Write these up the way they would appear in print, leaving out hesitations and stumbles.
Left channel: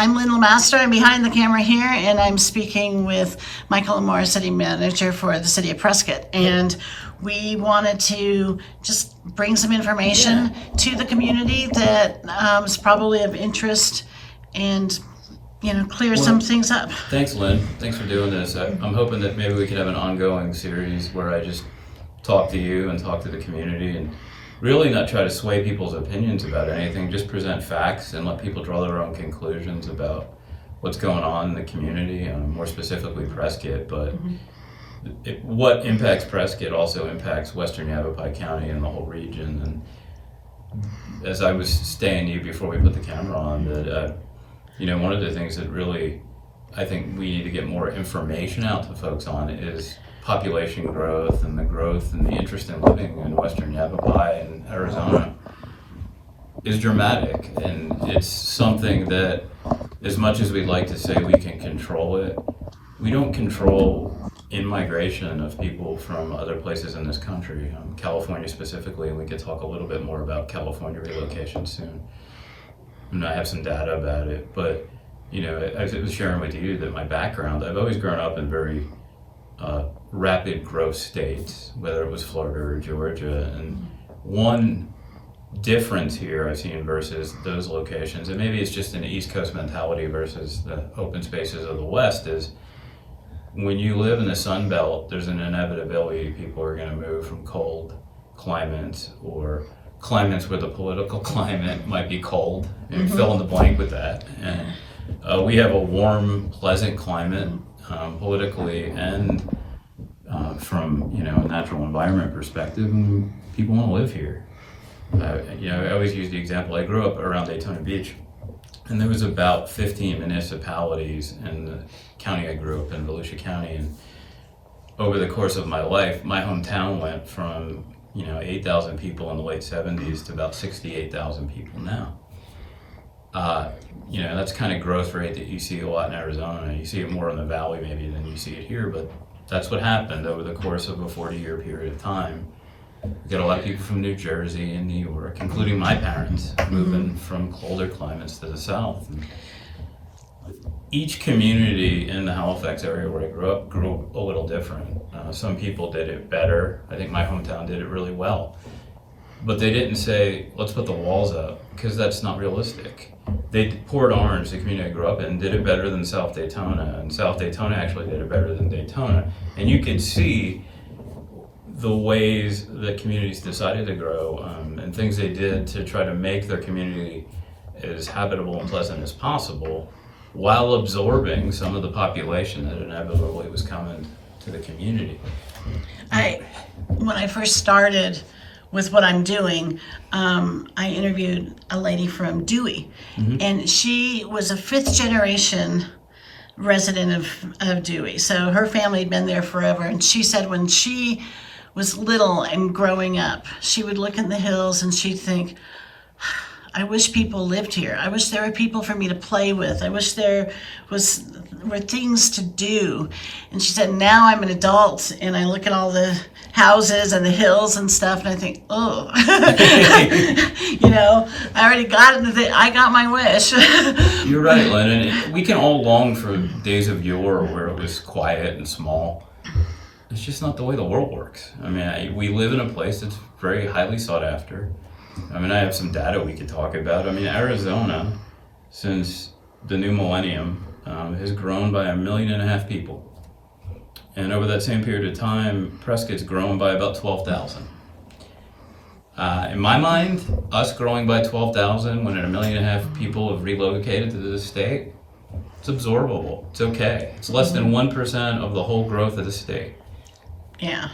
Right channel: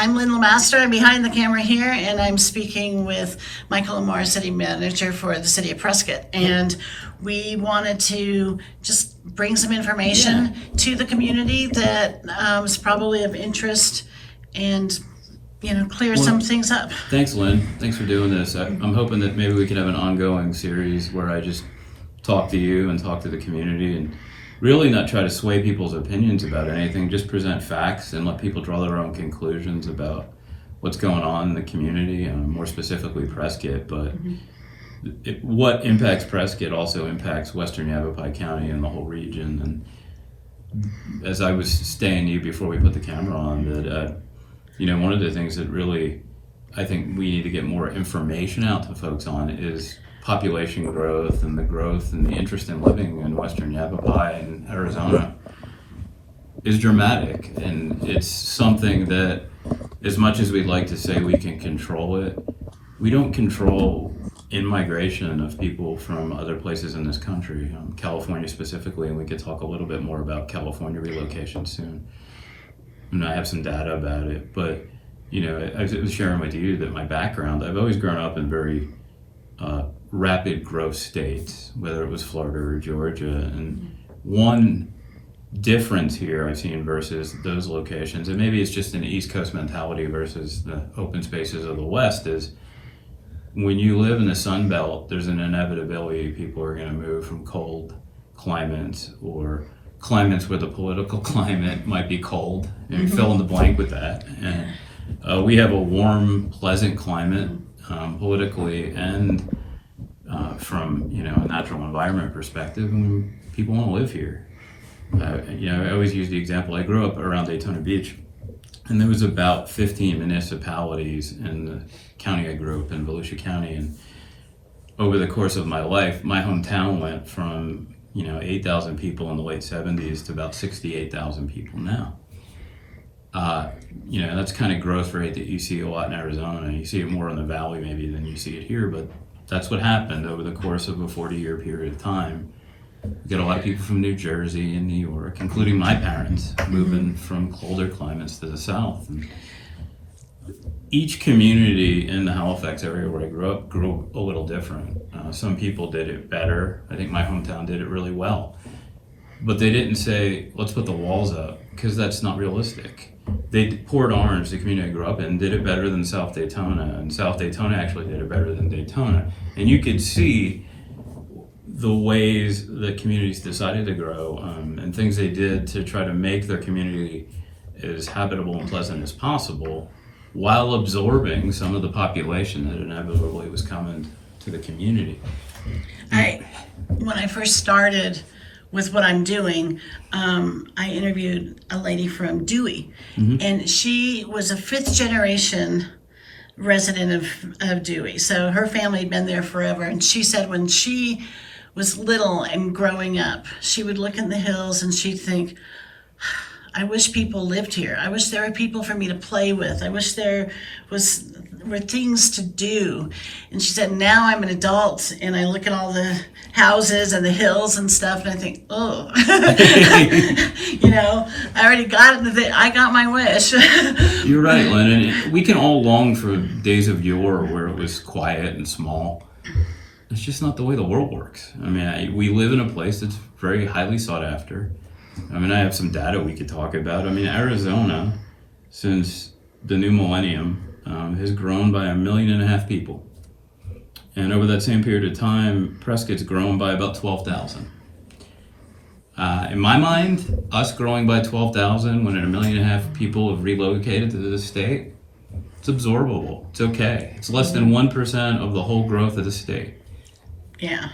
I'm Lynn Lemaster. I'm behind the camera here, and I'm speaking with Michael Lamar, City Manager for the City of Prescott. And we wanted to just bring some information to the community that is probably of interest and, clear some things up. Thanks, Lynn. Thanks for doing this. I'm hoping that maybe we could have an ongoing series where I just talk to you and talk to the community and really not try to sway people's opinions about anything, just present facts and let people draw their own conclusions about what's going on in the community, more specifically Prescott. But what impacts Prescott also impacts Western Yavapai County and the whole region. And as I was saying to you before we put the camera on, that one of the things that really I think we need to get more information out to folks on is population growth and the growth and the interest in living in Western Yavapai and Arizona is dramatic. And it's something that, as much as we'd like to say we can control it, we don't control in-migration of people from other places in this country, California specifically, and we could talk a little bit more about California relocation soon. And I have some data about it, but I was sharing with you that my background, I've always grown up in very rapid growth states, whether it was Florida or Georgia. And one difference here I've seen versus those locations, and maybe it's just an East Coast mentality versus the open spaces of the West, is when you live in the Sun Belt, there's an inevitability people are going to move from cold climates or climates where the political climate might be cold, and fill in the blank with that. And we have a warm, pleasant climate politically and from a natural environment perspective, and people want to live here. I always use the example. I grew up around Daytona Beach, and there was about 15 municipalities in the county I grew up in, Volusia County. And over the course of my life, my hometown went from 8,000 people in the late 70s to about 68,000 people now. That's kind of growth rate that you see a lot in Arizona. You see it more in the valley maybe than you see it here, but that's what happened over the course of a 40-year period of time. We got a lot of people from New Jersey and New York, including my parents, moving from colder climates to the south. And each community in the Halifax area where I grew up grew a little different. Some people did it better. I think my hometown did it really well. But they didn't say, let's put the walls up, because that's not realistic. Port Orange, the community I grew up in, did it better than South Daytona, and South Daytona actually did it better than Daytona. And you could see the ways the communities decided to grow and things they did to try to make their community as habitable and pleasant as possible, while absorbing some of the population that inevitably was coming to the community. When I first started with what I'm doing, I interviewed a lady from Dewey, and she was a fifth generation resident of Dewey. So her family had been there forever, and she said when she was little and growing up, she would look in the hills and she'd think, I wish people lived here. I wish there were people for me to play with. I wish there were things to do. And she said, now I'm an adult and I look at all the houses and the hills and stuff, and I think, oh, I already got it. I got my wish. You're right, Lynn. And we can all long for days of yore where it was quiet and small. It's just not the way the world works. We live in a place that's very highly sought after. I have some data we could talk about. Arizona, since the new millennium, has grown by 1.5 million people. And over that same period of time, Prescott's grown by about 12,000. In my mind, us growing by 12,000 when 1.5 million people have relocated to this state, it's absorbable. It's okay. It's less than 1% of the whole growth of the state. Yeah.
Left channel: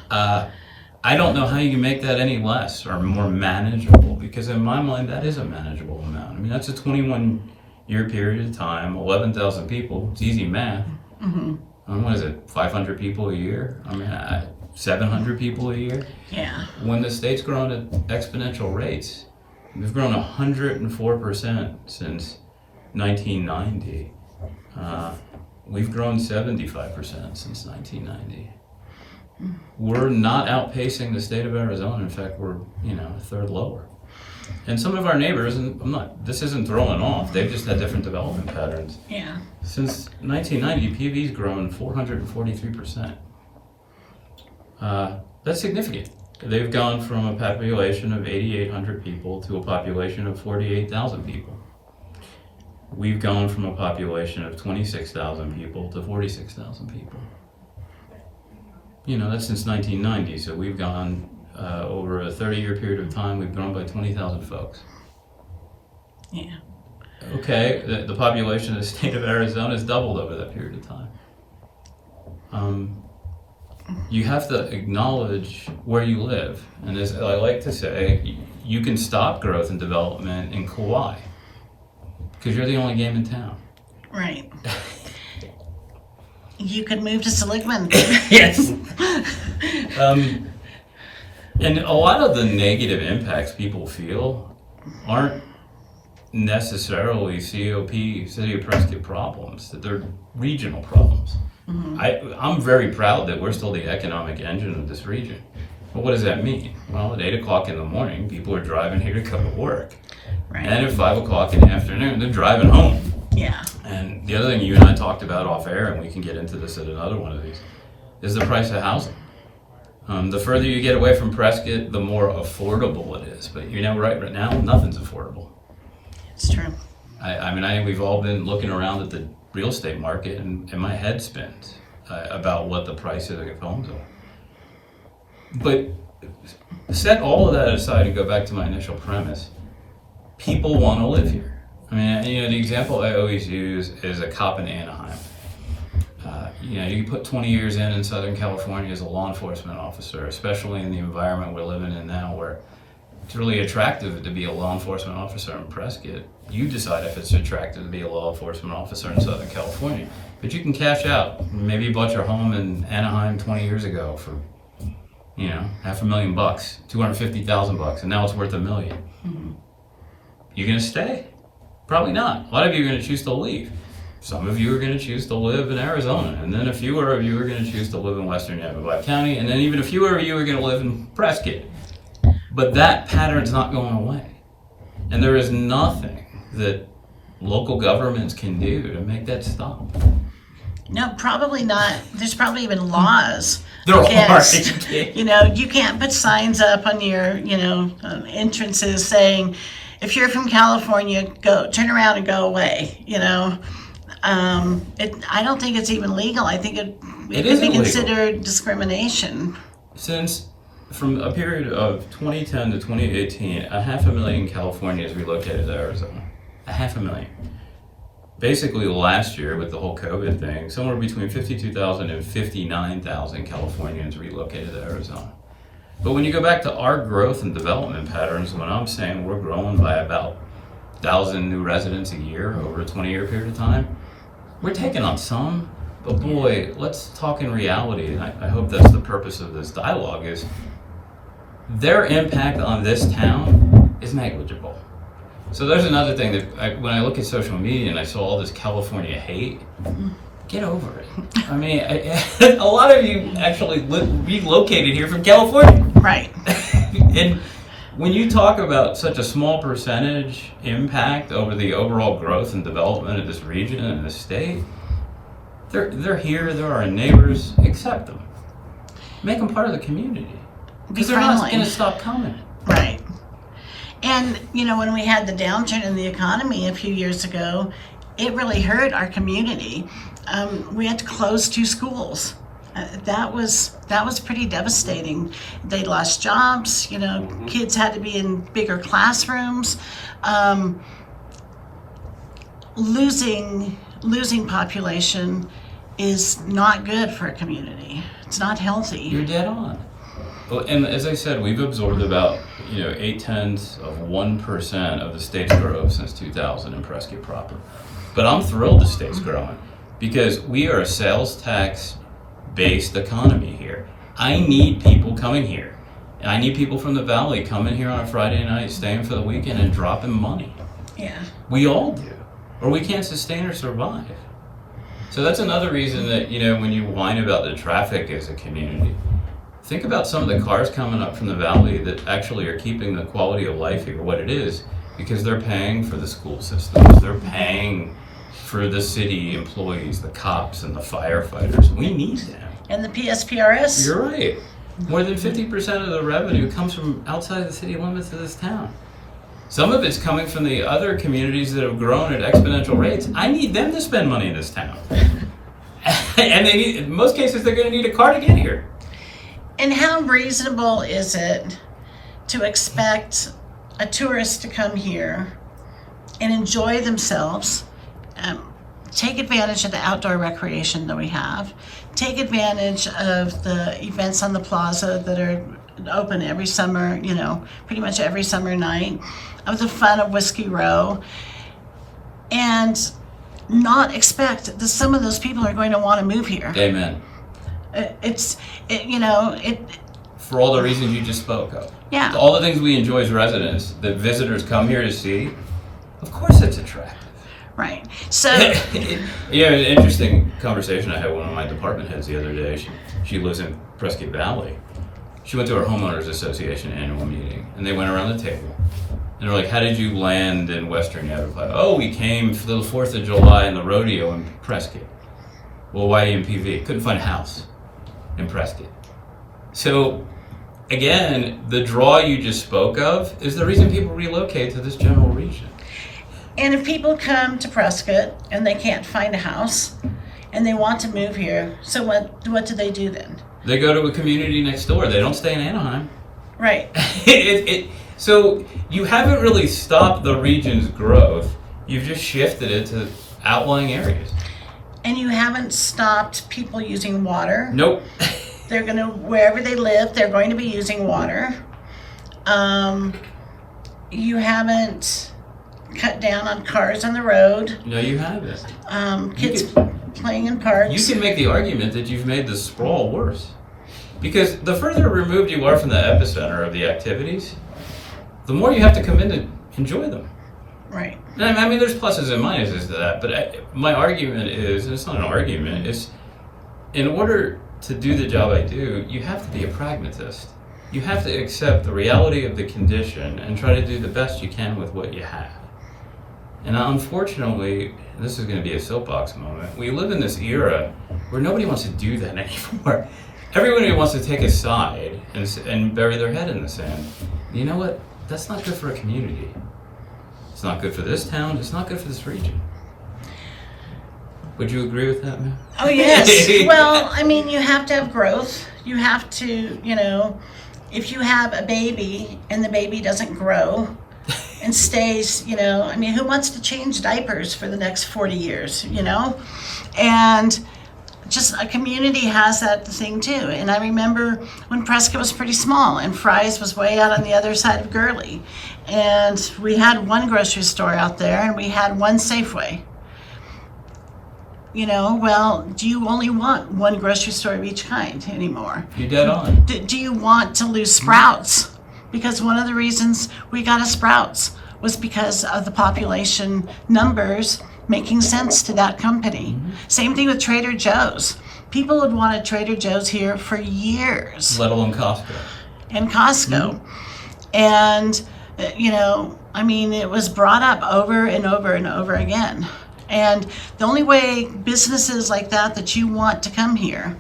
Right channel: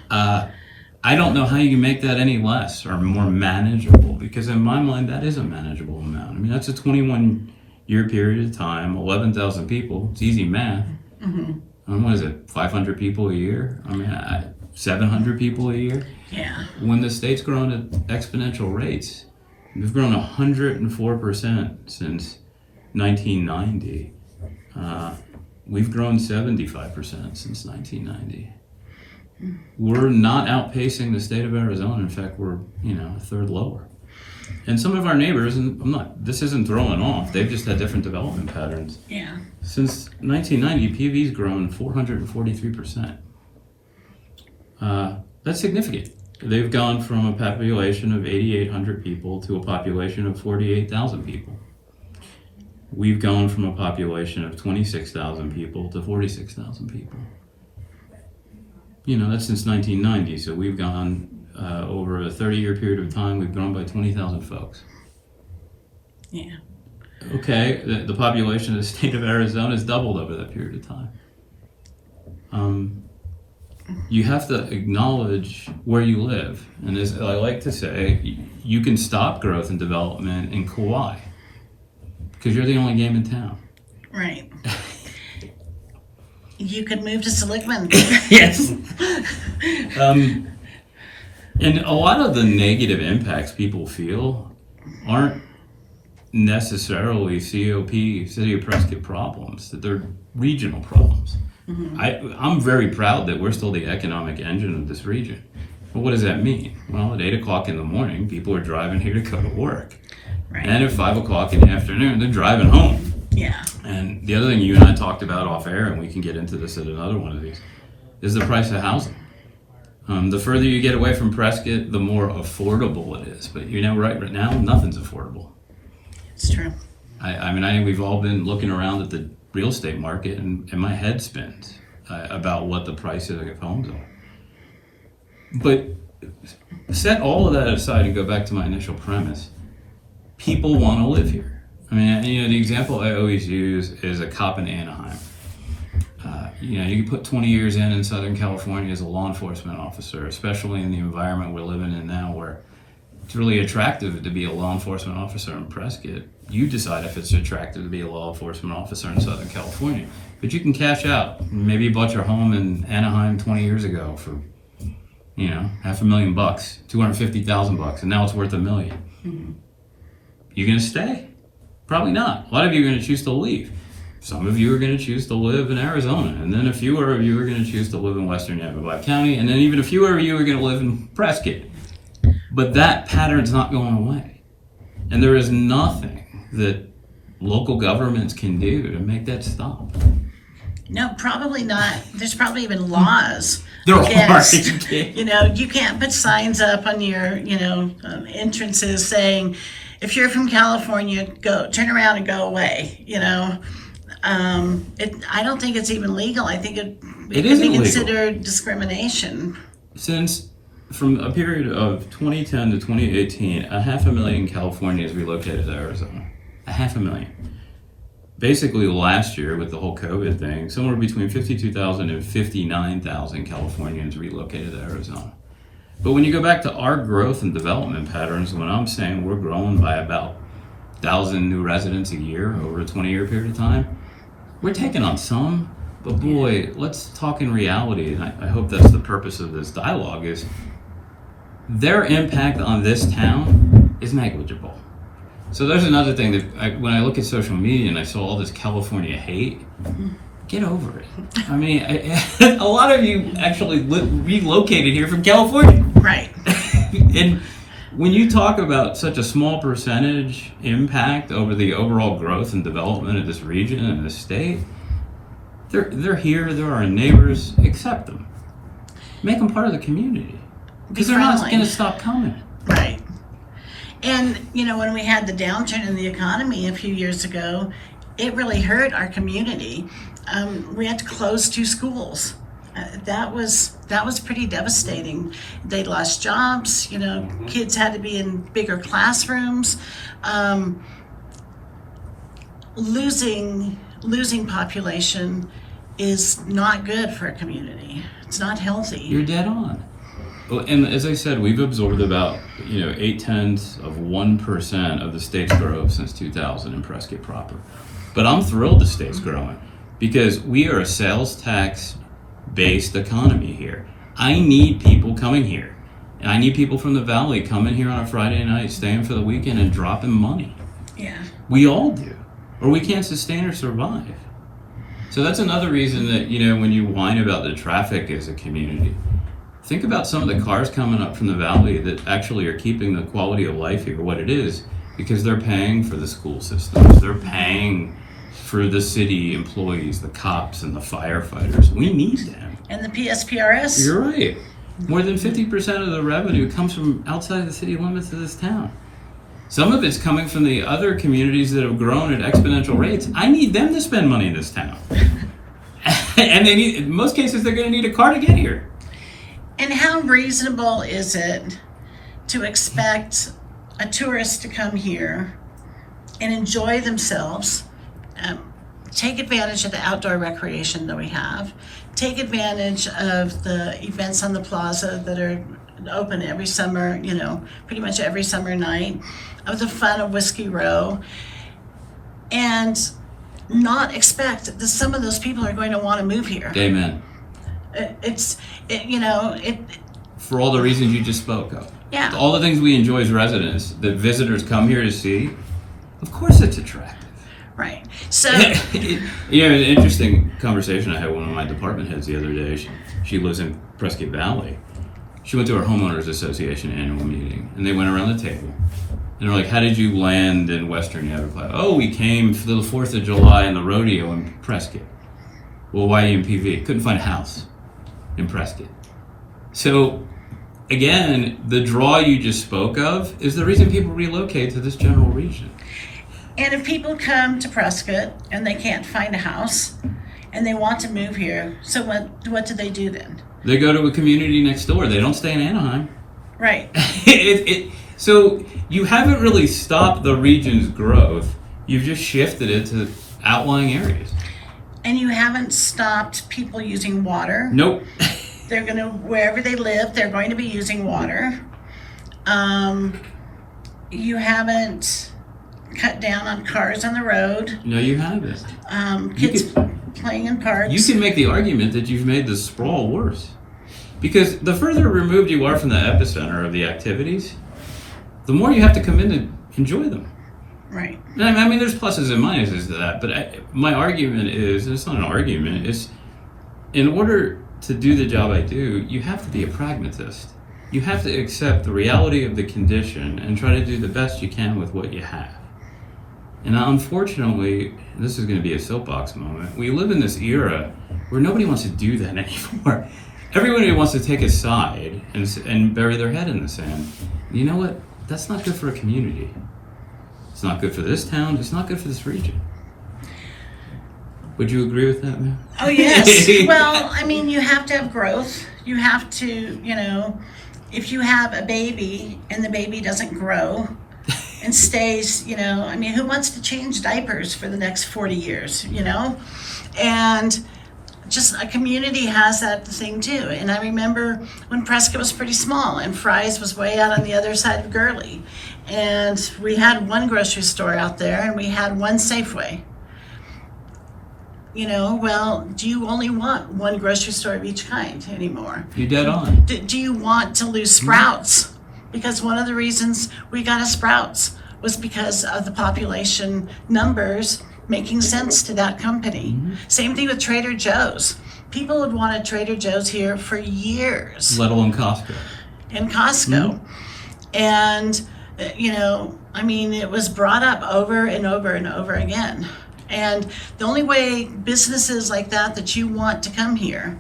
I don't know how you can make that any less or more manageable, because in my mind, that is a manageable amount. That's a 21-year period of time, 11,000 people. It's easy math. What is it, 500 people a year? 700 people a year? Yeah. When the state's grown at exponential rates, we've grown 104% since 1990. We've grown 75% since 1990. We're not outpacing the state of Arizona. In fact, we're a third lower. And some of our neighbors, and this isn't throwing off, they've just had different development patterns. Yeah. Since 1990, PV's grown 443%. That's significant. They've gone from a population of 8,800 people to a population of 48,000 people. We've gone from a population of 26,000 people to 46,000 people. That's since 1990, so we've gone over a 30-year period of time, we've grown by 20,000 folks. Yeah. Okay, the population of the state of Arizona has doubled over that period of time. You have to acknowledge where you live. And as I like to say, you can stop growth and development in Kauai because you're the only game in town. Right. You could move to Seligman. Yes. And a lot of the negative impacts people feel aren't necessarily COP, City of Prescott problems, that they're regional problems. Mm-hmm. I'm very proud that we're still the economic engine of this region. But what does that mean? Well, at 8 o'clock in the morning, people are driving here to go to work. Right. And at 5 o'clock in the afternoon, they're driving home. Yeah. And the other thing you and I talked about off air, and we can get into this at another one of these, is the price of housing. The further you get away from Prescott, the more affordable it is. But right now, nothing's affordable. It's true. We've all been looking around at the real estate market, and my head spins about what the prices of homes are. But set all of that aside and go back to my initial premise. People want to live here. The example I always use is a cop in Anaheim. You can put 20 years in Southern California as a law enforcement officer, especially in the environment we're living in now where it's really attractive to be a law enforcement officer in Prescott. You decide if it's attractive to be a law enforcement officer in Southern California. But you can cash out. Maybe you bought your home in Anaheim 20 years ago for, $500,000, $250,000, and now it's worth $1 million. Mm-hmm. You gonna stay? Probably not. A lot of you are gonna choose to leave. Some of you are going to choose to live in Arizona, and then a few of you are going to choose to live in western Yavapai County, and then even a few of you are going to live in Prescott. But that pattern's not going away. And there is nothing that local governments can do to make that stop. No, probably not. There's probably even laws. There are. You can't put signs up on your, entrances saying, if you're from California, turn around and go away, I don't think it's even legal. I think it could be considered discrimination. Since from a period of 2010 to 2018, 500,000 Californians relocated to Arizona. 500,000. Basically last year with the whole COVID thing, somewhere between 52,000 and 59,000 Californians relocated to Arizona. But when you go back to our growth and development patterns, when I'm saying we're growing by about 1,000 new residents a year over a 20-year period of time, we're taking on some, but boy, let's talk in reality, and I hope that's the purpose of this dialogue, is their impact on this town is negligible. So there's another thing that when I look at social media and I saw all this California hate, get over it. A lot of you actually relocated here from California. Right. And when you talk about such a small percentage impact over the overall growth and development of this region and this state, they're here, they're our neighbors, accept them. Make them part of the community. Because they're not going to stop coming. Right. And, when we had the downturn in the economy a few years ago, it really hurt our community. We had to close 2 schools. That was pretty devastating. They lost jobs. Kids had to be in bigger classrooms. Losing population is not good for a community. It's not healthy. You're dead on. Well, and as I said, we've absorbed about 0.8% of the state's growth since 2000 in Prescott proper. But I'm thrilled the state's growing because we are a sales tax based economy here. I need people coming here. And I need people from the valley coming here on a Friday night, staying for the weekend and dropping money. Yeah. We all do. Or we can't sustain or survive. So that's another reason that, when you whine about the traffic as a community, think about some of the cars coming up from the valley that actually are keeping the quality of life here what it is, because they're paying for the school systems, they're paying for the city employees, the cops and the firefighters. We need them. And the PSPRS. You're right. More than 50% of the revenue comes from outside the city limits of this town. Some of it's coming from the other communities that have grown at exponential rates. I need them to spend money in this town. And they need, in most cases, they're going to need a car to get here. And how reasonable is it to expect a tourist to come here and enjoy themselves, take advantage of the outdoor recreation that we have, take advantage of the events on the plaza that are open every summer, pretty much every summer night, of the fun of Whiskey Row, and not expect that some of those people are going to want to move here. Amen. For all the reasons you just spoke of. Yeah. All the things we enjoy as residents that visitors come here to see, of course it's attractive. Right. So an interesting conversation I had with one of my department heads the other day. She lives in Prescott Valley. She went to our homeowners association annual meeting, and they went around the table, and they're like, "How did you land in Western Everglades?" "Oh, we came for the 4th of July and the rodeo in Prescott." "Well, why EMPV?" "Couldn't find a house in Prescott." So again, the draw you just spoke of is the reason people relocate to this general region. And if people come to Prescott and they can't find a house and they want to move here, so what do they do then? They go to a community next door. They don't stay in Anaheim. Right. So you haven't really stopped the region's growth. You've just shifted it to outlying areas. And you haven't stopped people using water. Nope. They're going to, wherever they live, they're going to be using water. You haven't cut down on cars on the road. No, you haven't. Kids playing in parks. You can make the argument that you've made the sprawl worse. Because the further removed you are from the epicenter of the activities, the more you have to come in to enjoy them. Right. I mean, there's pluses and minuses to that, but my argument is, and it's not an argument, it's in order to do the job I do, you have to be a pragmatist. You have to accept the reality of the condition and try to do the best you can with what you have. And unfortunately, this is going to be a soapbox moment, we live in this era where nobody wants to do that anymore. Everybody wants to take a side and bury their head in the sand. You know what? That's not good for a community. It's not good for this town. It's not good for this region. Would you agree with that, man? Oh, yes. Well, I mean, you have to have growth. You have to, if you have a baby and the baby doesn't grow and stays, who wants to change diapers for the next 40 years, And just a community has that thing too. And I remember when Prescott was pretty small and Fry's was way out on the other side of Gurley. And we had one grocery store out there and we had one Safeway. Well, do you only want one grocery store of each kind anymore? You're dead on. Do you want to lose Sprouts? Because one of the reasons we got a Sprouts was because of the population numbers making sense to that company. Mm-hmm. Same thing with Trader Joe's. People had wanted Trader Joe's here for years. Let alone Costco. And Costco. Mm-hmm. And, it was brought up over and over and over again. And the only way businesses like that you want to come here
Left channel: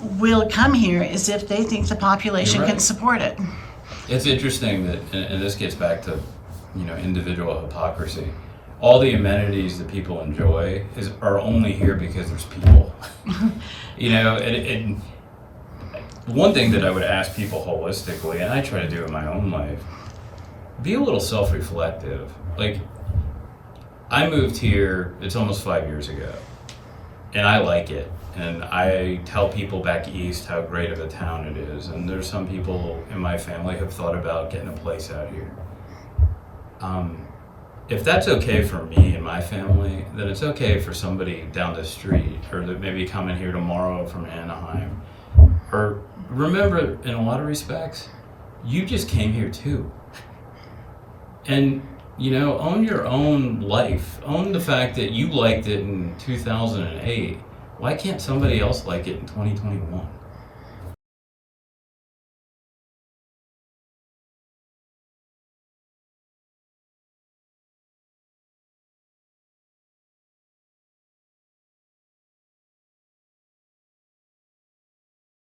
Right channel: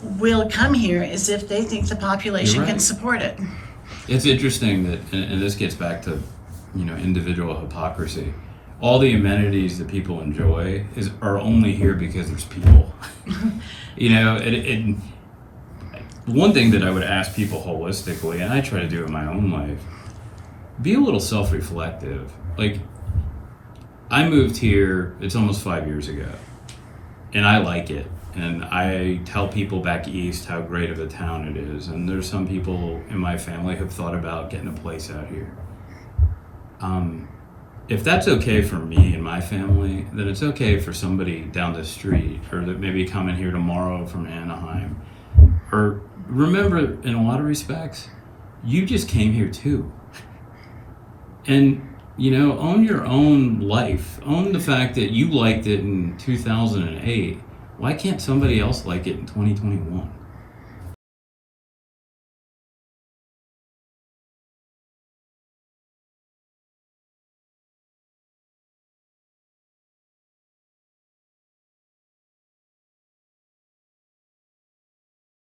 will come here is if they think the population can support it. It's interesting that, and this gets back to, individual hypocrisy. All the amenities that people enjoy are only here because there's people. And one thing that I would ask people holistically, and I try to do in my own life, be a little self-reflective. Like, I moved here, it's almost 5 years ago, and I like it. And I tell people back east how great of a town it is. And there's some people in my family who have thought about getting a place out here. If that's okay for me and my family, then it's okay for somebody down the street or that maybe coming here tomorrow from Anaheim. Or remember, in a lot of respects, you just came here too. And own your own life. Own the fact that you liked it in 2008. Why can't somebody else like it in 2021?